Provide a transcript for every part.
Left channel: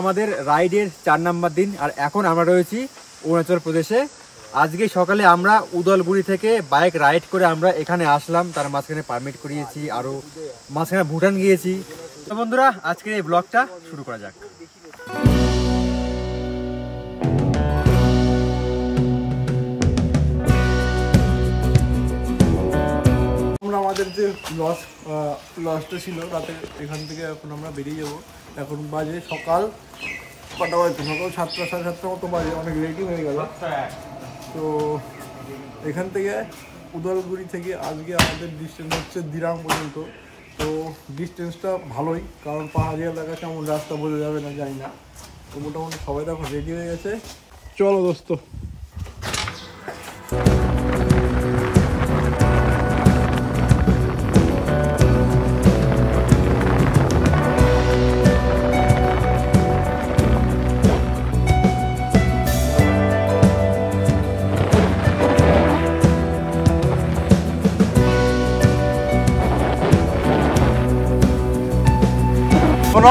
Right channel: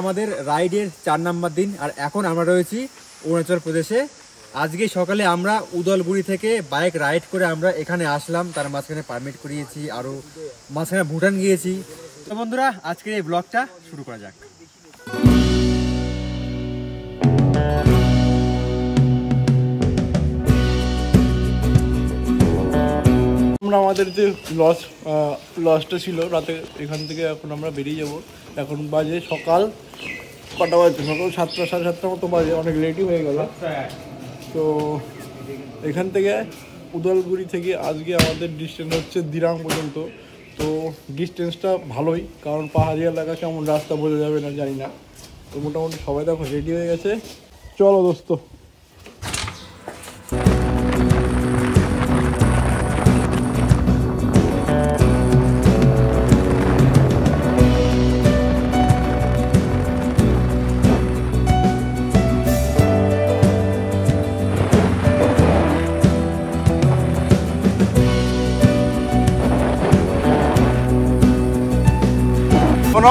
আমাদের রাইডের 4 নাম্বার দিন। আর এখন আমরা রয়েছি অরুণাচল প্রদেশে। আজকে সকালে আমরা উদলগুড়ি থেকে বাইক রাইড করে আমরা এখানে আসলাম, তার মাঝখানে পারমিট করিয়েছি, আরো মাঝখানে ভুটান গিয়েছি। তো বন্ধুরা, আজকে এই ব্লগটা শুরু করা যাক। আমরা আমাদের যে লসটা ছিল রাতে, এখান থেকে এখন আমরা বেরিয়ে যাব। এখন বাজে সকাল কটা বাজে, সকাল 7টা সাড়ে 7টার মতো বাজে, অনেক লেটই হয়ে গেল। তো এখান থেকে উদলগুড়ি থেকে আজকে আমাদের ডিস্টেন্স হচ্ছে দিরাং পর্যন্ত। তো ডিস্টেন্সটা ভালোই, কারণ পাহাড়ি এলাকা, কেমন রাস্তা বোঝা যাবে না জানি না। তো মোটামুটি সবাই দেখো রেডি হয়ে গেছে, চলো দোস্ত।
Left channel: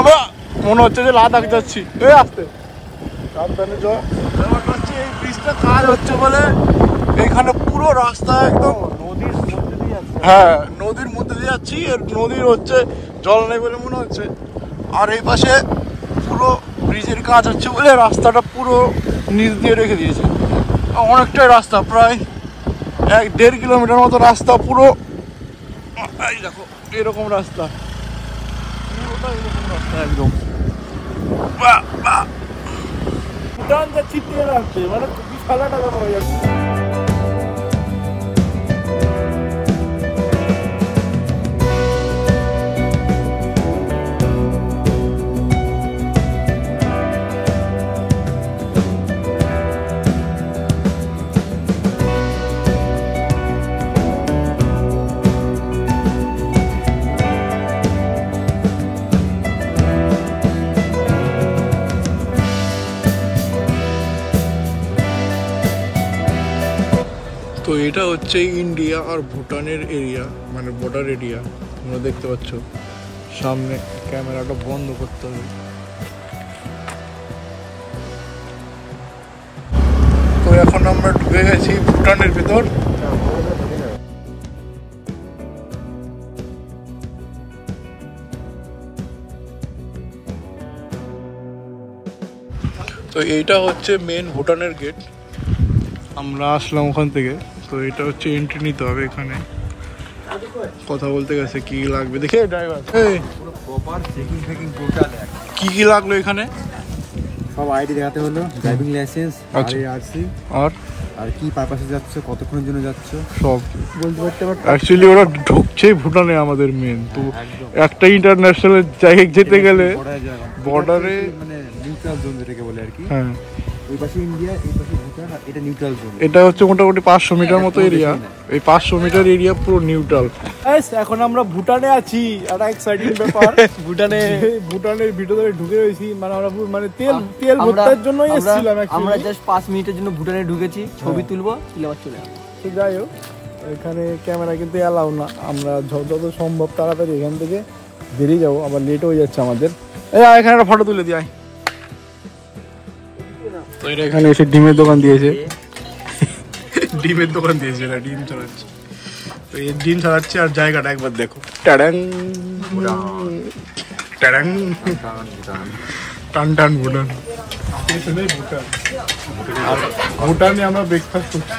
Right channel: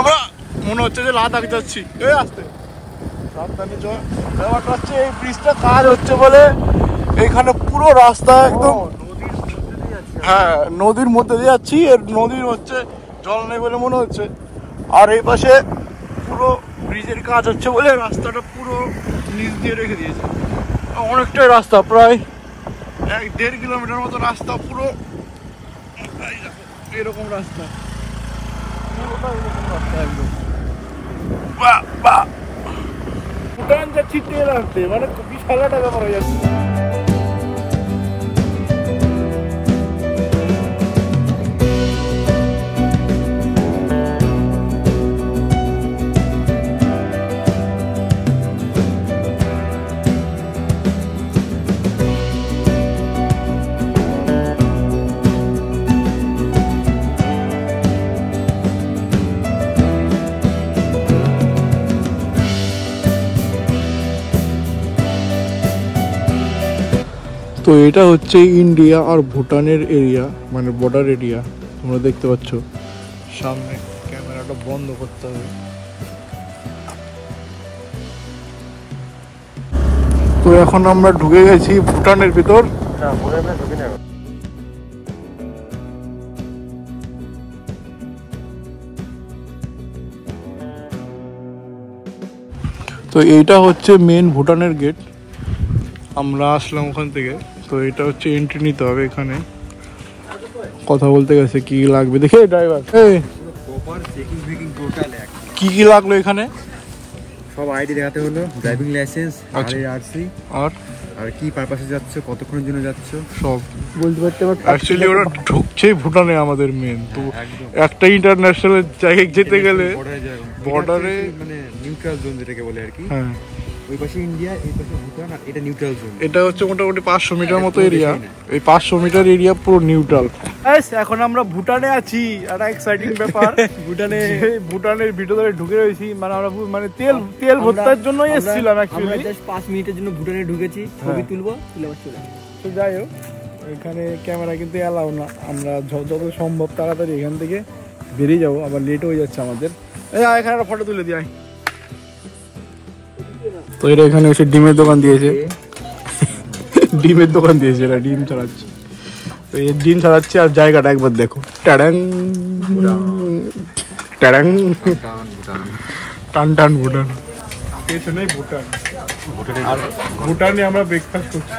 আমরা মনে হচ্ছে যে লাদাখ যাচ্ছি। এই আসতে সাবধানে যাওয়া। ব্যাপারটা হচ্ছে এই ব্রিজটা কাজ হচ্ছে বলে এইখানে পুরো রাস্তা একদম নদীর মধ্যে দিয়ে যাচ্ছে। হ্যাঁ, নদীর মধ্যে দিয়ে যাচ্ছি। এর নদীর হচ্ছে জল নেই বলে মনে হচ্ছে। আর এই পাশে পুরো ব্রিজের কাজ হচ্ছে বলে রাস্তাটা পুরো নিচ দিয়ে রেখে দিয়েছে। অনেকটাই রাস্তা, প্রায় 1-1.5 কিলোমিটার মতো রাস্তা পুরো। এই দেখো এরকম রাস্তা, পুরোটা এরকম রাস্তা একদম। ভুটান যাচ্ছি তেল আনতে, মানে 20,000 টাকা পড়ে যাচ্ছে। তো এটা হচ্ছে ইন্ডিয়া আর ভুটানের এরিয়া, মানে বর্ডার এরিয়া। তোমরা দেখতে পাচ্ছ সামনে, ক্যামেরাটা বন্ধ করতে হবে। তো এখন আমরা ঢুকে গেছি ভুটানের ভিতর। তো এইটা হচ্ছে মেন ভুটানের গেট। আমরা আসলাম ওখান থেকে। তো এটা হচ্ছে এন্ট্রি নিতে হবে। এখানে কথা বলতে গেছে কি লাগবে দেখে ড্রাইভার। কি কি লাগলো এখানে? সব আইডি দেখাতে হলো, ড্রাইভিং লাইসেন্স, আরসি, আর কি পারপাসে যাচ্ছ, কতক্ষণের জন্য যাচ্ছ, সব বলতে পারতে। অ্যাকচুয়ালি ওরা ঢুকছে ভুটানে আমাদের মেন। তো একটা ইন্টারন্যাশনাল জায়গায় যেতে গেলে বর্ডারে, মানে নিউট্রাল জোন যেটাকে বলে আর কি। হ্যাঁ, ওই পাশে ইন্ডিয়া, এই পাশে ভুটান, আর এটা নিউট্রাল জোন। এটা হচ্ছে মোটামুটি 500 মিটার মতো এরিয়া। এই 500 মিটার এরিয়া পুরো নিউট্রাল। এখন আমরা ভুটানে আছি। একটা এক্সাইটিং ব্যাপার, ভুটানের ভিতরে ঢুকে রয়েছি। মানে আমরা মানে তেল ভর্তার জন্যই এসেছিলাম। আমরা জাস্ট 5 মিনিটের জন্য ভুটানে ঢুকেছি, ছবি তুলবো, তুলে আবার চলে যাবো। তো যাই হোক, এখানে ক্যামেরা কিন্তু অ্যালাউ না। আমরা যত সম্ভব তাড়াতাড়ি এখান থেকে বেরিয়ে যাবো, আবার লেট হয়ে যাচ্ছে আমাদের। এখানে একটা ফটো তুলে দিই। তো এরা এখানে এসে ডিমের দোকান দিয়েছে, ডিমের দোকান দিয়েছে, এরা ডিম চালাচ্ছে। তো এই ডিম চালাচ্ছে। আর জায়গাটা একবার দেখো, টান টান ভুটান, পেছনেই ভুটান। আর ভুটানে আমরা ব্রেকফাস্ট করছি।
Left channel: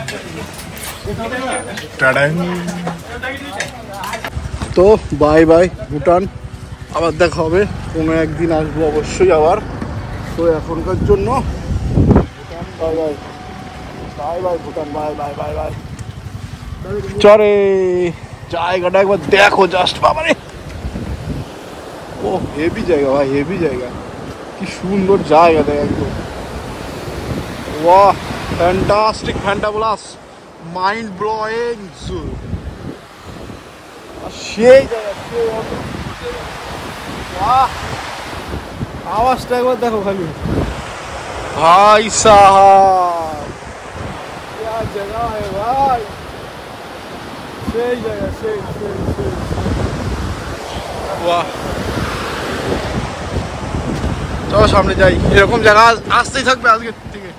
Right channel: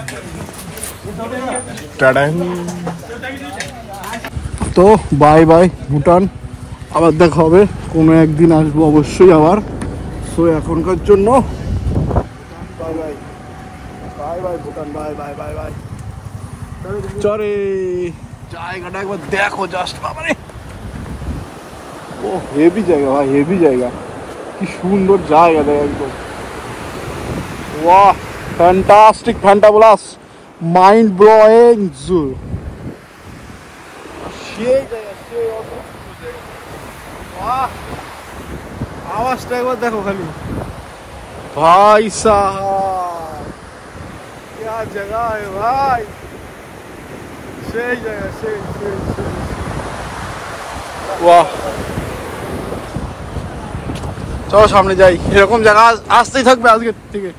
তো বাই বাই ভুটান, আবার দেখা হবে কোনো একদিন, আসবো অবশ্যই আবার। তো এখনকার জন্য bye bye, bye bye Bhutan, bye bye bye bye. চরে জায়গাটা একবার দেখো জাস্ট, বাবারে ও হেভি জায়গা ভাই, হেভি জায়গা। কি সুন্দর জায়গা দেখ একদম। ওয়াহ, ফ্যান্টাস্টিক, ফ্যান্টাবুলাস, মাইন্ড ব্লোয়িং জু। সেই জায়গা, সেই অদ্ভুত জায়গা। वाह, आवाजটা একবার দেখো খালি। भाई साहब क्या जगह है भाई, সেই জায়গা, সেই সেই সেই वाह। চলো সামনে যাই, এরকম জায়গা আসতেই থাকবে আজকে থেকে।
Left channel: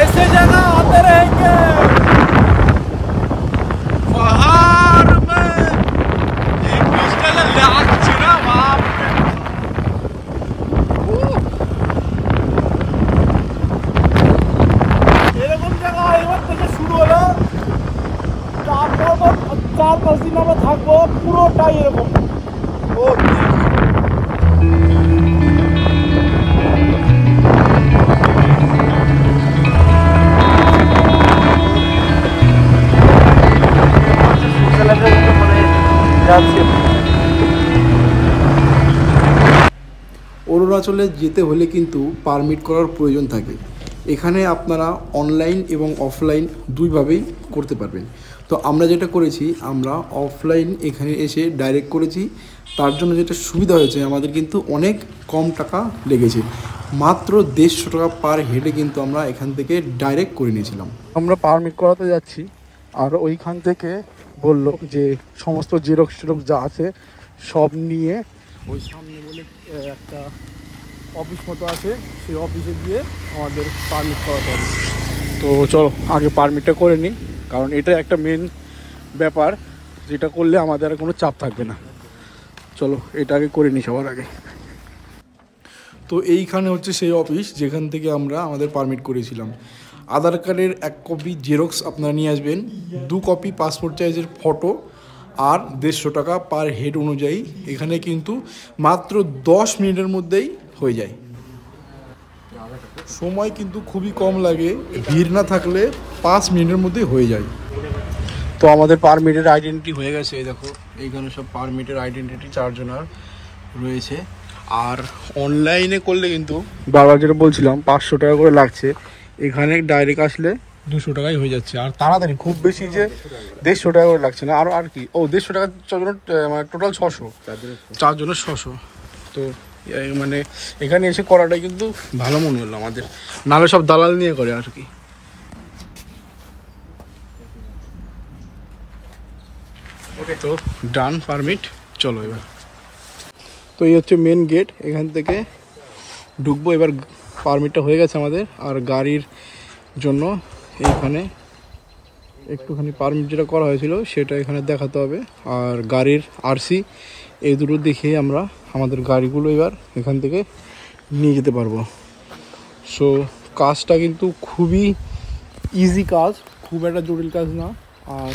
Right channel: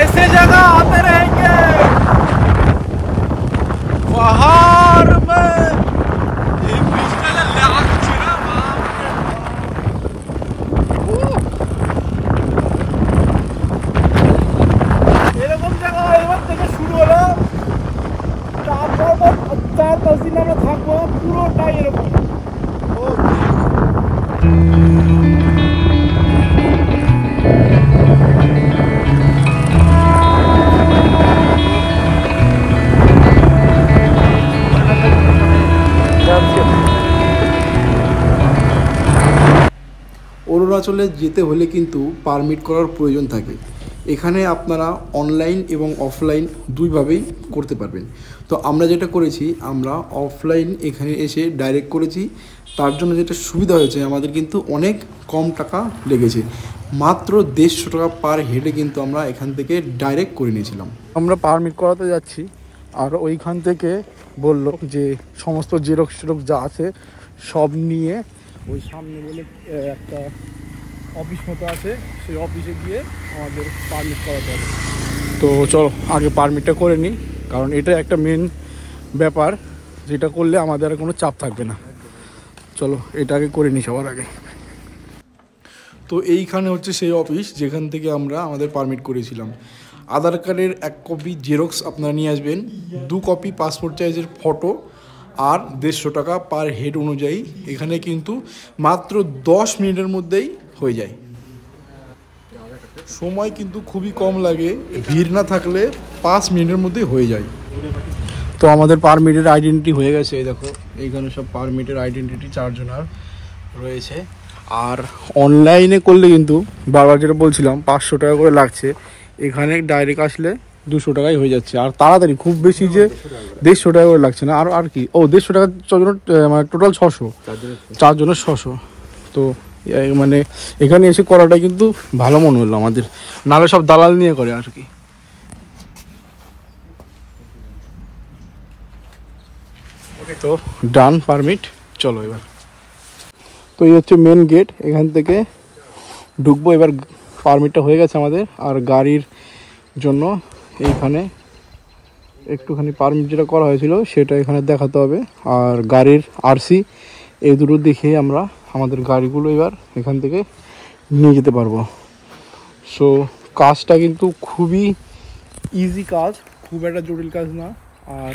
ऐसी जगह आते रहेंगे पहाड़ में, एक बीच का जो লাগছে না বাপ রে। এরকম জায়গা এবার থেকে শুরু হলো, তারপর 4-5 দিন আমরা থাকবো, পুরোটাই এরকম। অরুণাচলে যেতে হলে কিন্তু পারমিট করার প্রয়োজন থাকে। এখানে আপনারা অনলাইন এবং অফলাইন দুইভাবেই করতে পারবেন। তো আমরা যেটা করেছি, আমরা অফলাইন এখানে এসে ডাইরেক্ট করেছি। তার জন্য যেটা সুবিধা হয়েছে, আমাদের কিন্তু অনেক কম টাকা লেগেছে, মাত্র 150 টাকা পার হেডে কিন্তু আমরা এখান থেকে ডাইরেক্ট করে নিয়েছিলাম। আমরা পারমিট করাতে যাচ্ছি, আর ওইখান থেকে বললো যে সমস্ত জেরক্স যা আছে সব নিয়ে ওই সামনে বলে একটা অফিস মতো আছে, সেই অফিসে গিয়ে আমাদের পারমিট করাতে হবে। তো চলো আগে পারমিটটা করে নিই, কারণ এটা একটা মেন ব্যাপার, যেটা করলে আমাদের আর কোনো চাপ থাকবে না। চলো এটা আগে করে নিই সবার আগে। তো এইখানে হচ্ছে সেই অফিস যেখান থেকে আমরা আমাদের পারমিট করেছিলাম। আধার কার্ডের 1 কপি জেরক্স আপনারা নিয়ে আসবেন, 2 কপি পাসপোর্ট সাইজের ফটো, আর 150 টাকা পার হেড অনুযায়ী। এখানে কিন্তু মাত্র 10 মিনিটের মধ্যেই হয়ে যায়। সময় কিন্তু খুবই কম লাগে, ভিড় না থাকলে 5 মিনিটের মধ্যেই হয়ে যায়। তো আমাদের পারমিটের আইডেন্টিটি হয়ে গেছে, এই দেখো এইখানে সব পারমিটের আইডেন্টিটি 4 জনের রয়েছে। আর অনলাইনে করলে কিন্তু বাবা যেটা বলছিলাম 500 টাকা করে লাগছে, এখানে ডাইরেক্ট আসলে 200 টাকায় হয়ে যাচ্ছে। আর তাড়াতাড়ি, খুব বেশি যে 150 টাকা করে লাগছে না। আর কি 150 টাকা 4 জন, মানে টোটাল 600, 4 জনের 600। তো মানে এখানে এসে করাটা কিন্তু ভালো মনে হলো আমাদের, নাহলে সব দালাল নিয়ে করে আর কি। তো ডান পারমিট, চলো এবার। তো এই হচ্ছে মেন গেট, এখান থেকে ঢুকবো। এবার পারমিটটা হয়ে গেছে আমাদের। আর গাড়ির জন্য এইখানে একটুখানি পারমিট যেটা করা হয়েছিল সেটা এখানে দেখাতে হবে, আর গাড়ির আরসি, এই দুটো দেখে আমরা আমাদের গাড়িগুলো এবার এখান থেকে নিয়ে যেতে পারবো। সো কাজটা কিন্তু খুবই ইজি কাজ, খুব একটা জটিল কাজ না, আর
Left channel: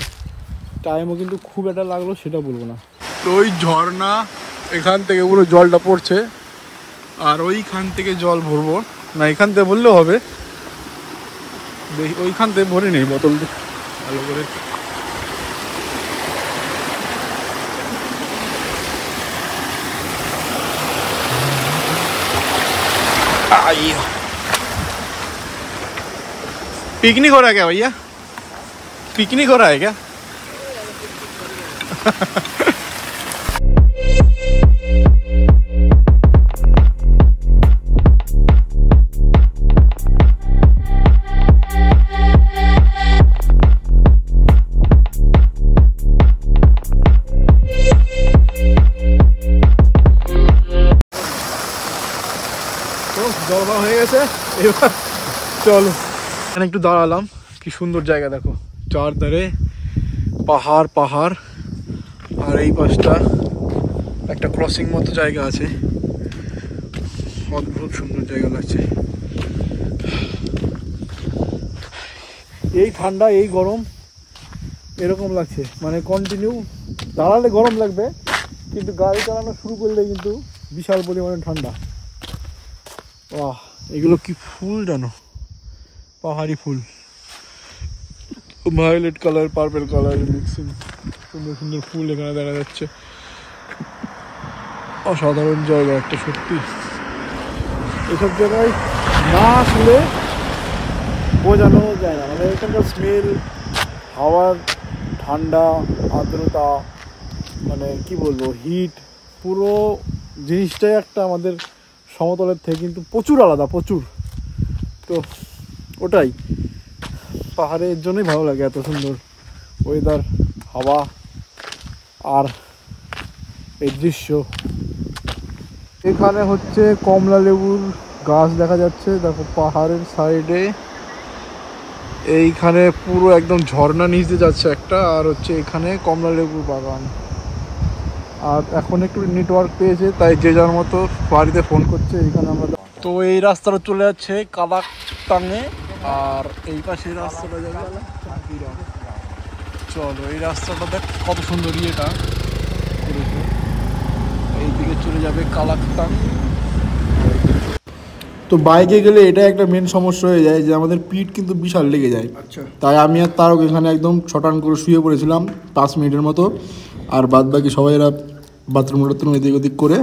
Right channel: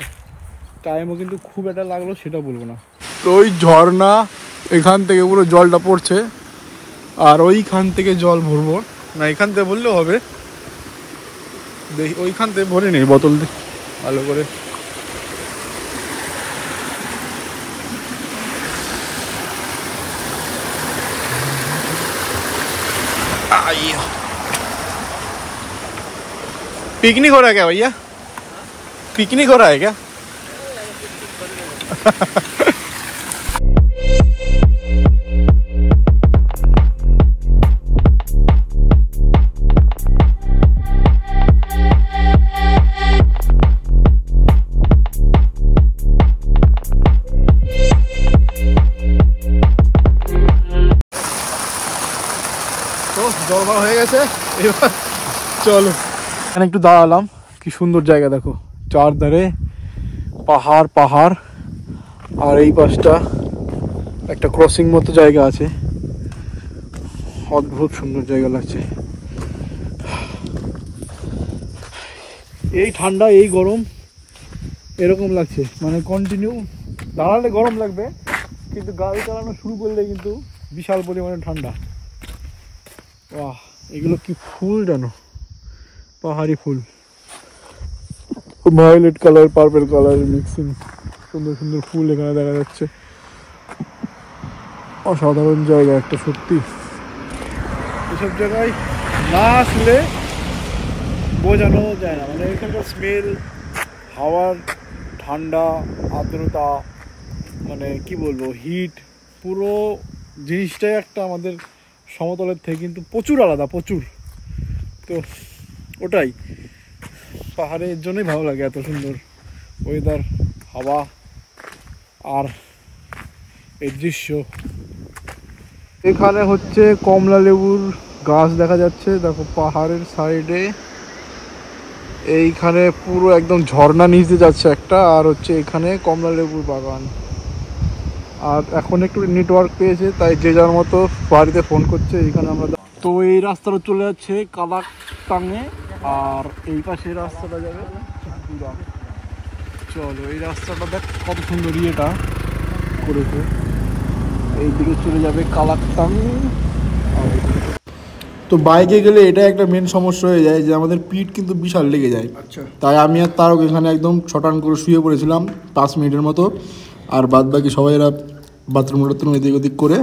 টাইমও কিন্তু খুব একটা লাগলো সেটা বলবো না। তো ওই ঝর্ণা এখান থেকে পুরো জলটা পড়ছে, আর ওইখান থেকে জল ভরবো না, এখান থেকে বললেও হবে। দেখি ওইখান থেকে ভরে নেই বোতল ভালো করে। पिकनिक हो रहा है क्या भैया? पिकनिक हो रहा है क्या? তো জলবার হয়ে গেছে, এবার চলো। এখানে একটু দাঁড়ালাম, কি সুন্দর জায়গা দেখো, চারধারে পাহাড় পাহাড়, আর এই পাশটা একটা ক্রসিং মতো জায়গা আছে, অদ্ভুত সুন্দর জায়গা লাগছে। এই ঠান্ডা এই গরম এরকম লাগছে, মানে কন্টিনিউ দাঁড়ালে গরম লাগবে, কিন্তু গাড়ি চালানো শুরু করলে কিন্তু বিশাল পরিমাণে ঠান্ডা। বাহ, এগুলো কি ফুল জানো, পাহাড়ি ফুল, violet colour purple colour mixing, সুন্দর সুন্দর ফুল এখানে দেখা যাচ্ছে। অসাধারণ জায়গা একটা, সত্যি এসব জায়গায় না আসলে বোঝানো যায় না, মানে এখানকার স্মেল, হাওয়ার ঠান্ডা, আর্দ্রতা, মানে কি বলবো, হিট, পুরো জিনিসটাই একটা আমাদের সমতলের থেকে কিন্তু প্রচুর আলাদা, প্রচুর। তো ওটাই পাহাড়ের জন্যই ভালো লাগে, এত সুন্দর ওয়েদার, হাওয়া, আর এই দৃশ্য। এখানে হচ্ছে কমলা লেবুর গাছ দেখা যাচ্ছে, দেখো পাহাড়ের সাইডে। এইখানে পুরো একদম ঝর্ণা নিচে যাচ্ছে একটা, আর হচ্ছে এখানে কমলা লেবুর বাগান। আর এখন একটু নেটওয়ার্ক পেয়েছে, তাই যে যার মতো বাড়িতে ফোন করছে। এইখানে আমরা তো এই রাস্তাটা চলে যাচ্ছে কালাকটাঙে, আর এই পাশে রাস্তাটা যাবে চাঁদপুরা। চলো, এই রাস্তাটা দেখ কত সুন্দর ইয়েটা করেছে। এইদিকে চলে যাবে কালাকটাং। তো বাইকে গেলে এটা একটা মেন সমস্যা হয়ে যায় যে আমাদের পিঠ কিন্তু বিশাল লেগে যায়। আচ্ছা, তাই আমি আর তারক এখানে একদম ছটান করে শুয়ে পড়েছিলাম 5 মিনিটের মতো। আর বাদ বাকি সবাই এরা বাথরুম এদিক ওদিক করে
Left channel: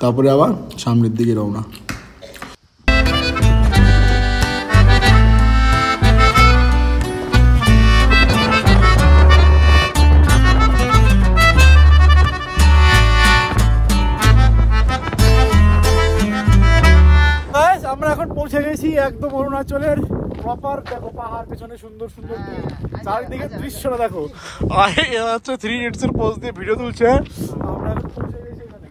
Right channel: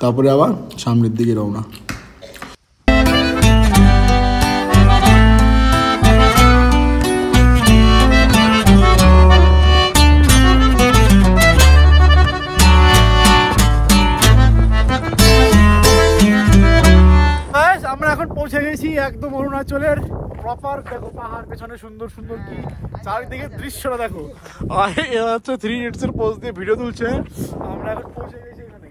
তারপরে আবার সামনের দিকে রওনা। আমরা এখন পৌঁছে গেছি একদম অরুণাচলের প্রপার। দেখো পাহাড় পেছনে সুন্দর সুন্দর কি চারিদিকে দৃশ্যটা দেখো। আর এরা হচ্ছে 3 ইডিয়টস এর পোজ দিয়ে ভিডিও তুলছে। আমরা এখন পৌঁছে গেছি এখানে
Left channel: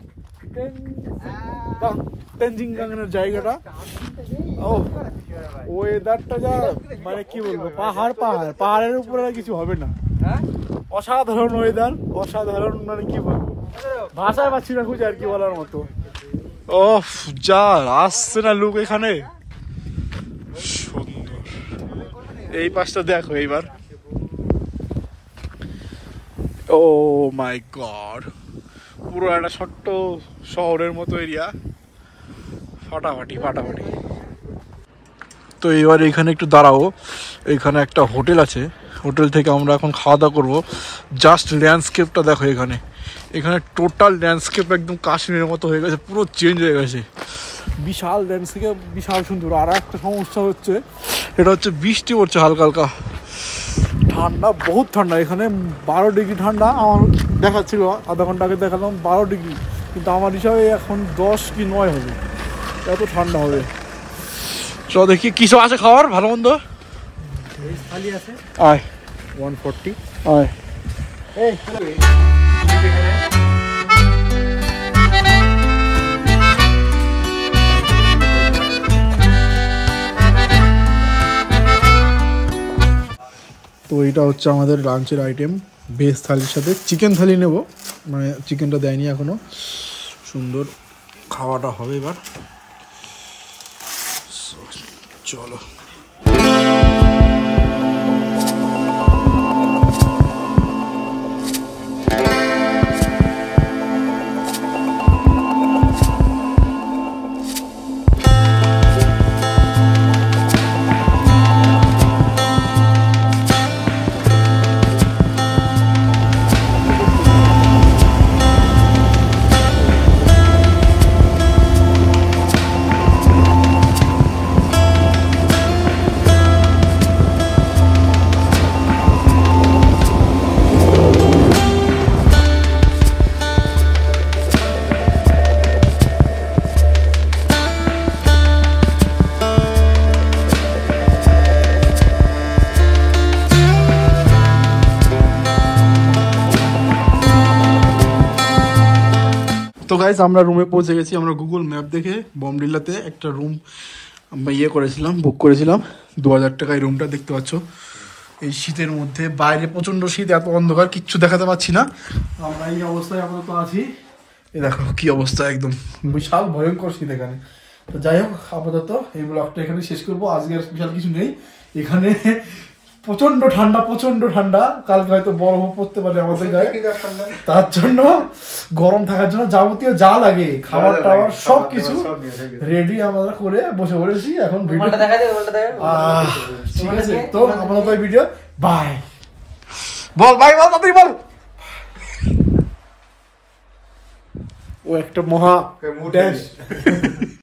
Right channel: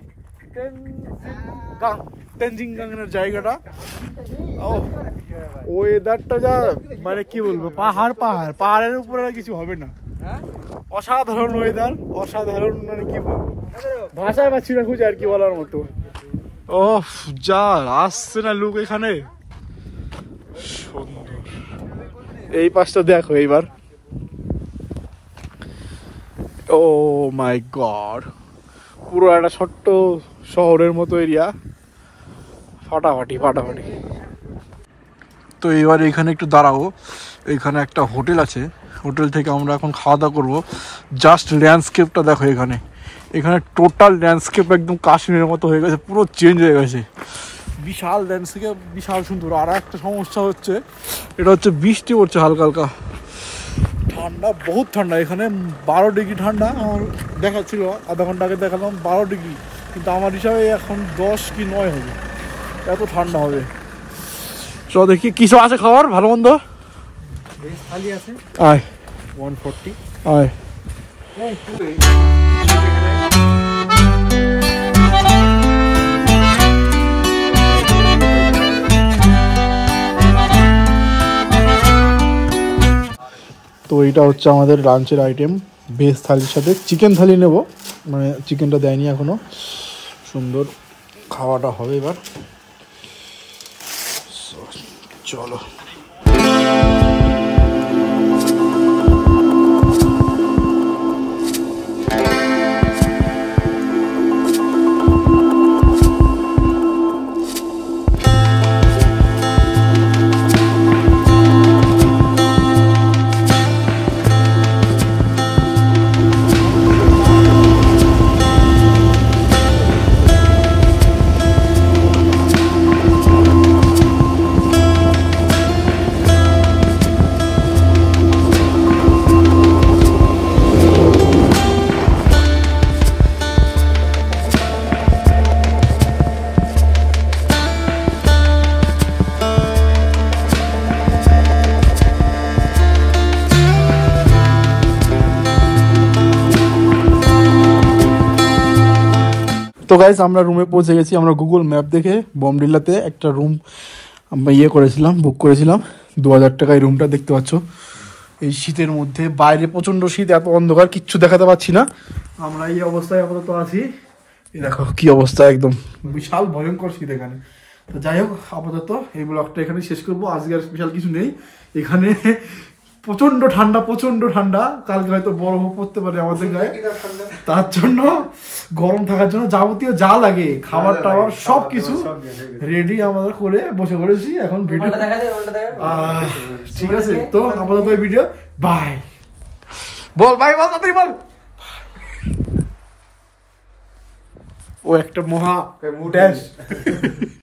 তেনজিংগাংয়ের জায়গাটা। ও ওয়েদারটা যা মানে কি বলবো, পাহাড়ের উপরে কিছু হবে না। অসাধারণ ওয়েদার, অসাধারণ মানে কি বলবো, ভাষায় পাচ্ছি না খুঁজে আর কি বলার মতো। ও যা আসছে না লুক এখানে, সুন্দর। এই পাশটা দেখো এইবার, ও মাই গড, পুরো একটা ছোট্ট শহরের মতো এরিয়া, ফাটাফাটি। তো এবার এখানে একটু দাঁড়াবো, এখানে একটা হোটেল আছে, হোটেল থেকে আমরা এখন খাওয়া দাওয়া করবো। জাস্ট ল্যান্ডস্কেপটা দেখো, এখানে টোটাল ল্যান্ডস্কেপ একদম কাশ্মীরের মতো হয়ে গেছে, পুরো চেঞ্জ হয়ে গেছে। বিশাল ল্যান্ডস্কেপ, বিশাল সুন্দর। আর একটা সমস্যা হচ্ছে, এটা হচ্ছে বৃষ্টি পড়ছে হালকা হালকা, ঠান্ডা, বহুত ঠান্ডা। এখানে 12 ডিগ্রি ঠান্ডা আমার দেখাচ্ছিল, আধা ঘন্টা আগে দেখালাম 12 ডিগ্রি, কিন্তু আমার হিসাবে এখন 10 কি 9 হবে, এত ঠান্ডা হবে। চ দেখি কিছু আছে খাবার ভালো মন্দ। খালি আছে 140। তো এইটা হচ্ছে আমাদের লাঞ্চের আইটেম, ভেজ থালির সাথে চিকেন থালি নেব, মানে চিকেনটা দেয়নি এখনো। সুন্দর খাওয়াটা হবে এবার, চলো। তো গাইস, আমরা রুমে পৌঁছে গেছি। আমরা গুগল ম্যাপ দেখে বমডিল্লাতে একটা রুম আমরা বুক করেছিলাম 2000 টাকায়। রুমটা দেখতে পাচ্ছ, এই শীতের মধ্যে বাইরে প্রচন্ড শীত, এত অন্ধকার কিচ্ছু দেখাতে পাচ্ছি না। আমরা এই অবস্থায় আপাতত আছি, এই দেখো কি অবস্থা, একদম বিশাল ভয়ঙ্কর শীত এখানে। তো যাই হোক, আপাতত এই ব্লগটা এখানে শেষ করবো। আজকে আর স্পেশাল কিছু নেই এখানে, প্রচন্ড ঠান্ডা। কালকে হয়তো বরফ পড়তে পারে আমাদের গায়ে, তার জন্য গরম থাকার জন্য যাবতীয় যা লাগে খাবার টাবার সবকিছু রেডি আমরা করে বসে পড়েছি এখন। ভিডিও ঠিক আছে, তো আমাদের ভিডিও বাই বল, বাই বল, তাড়াতাড়ি বল। ও একটা মহা ড্যাশ।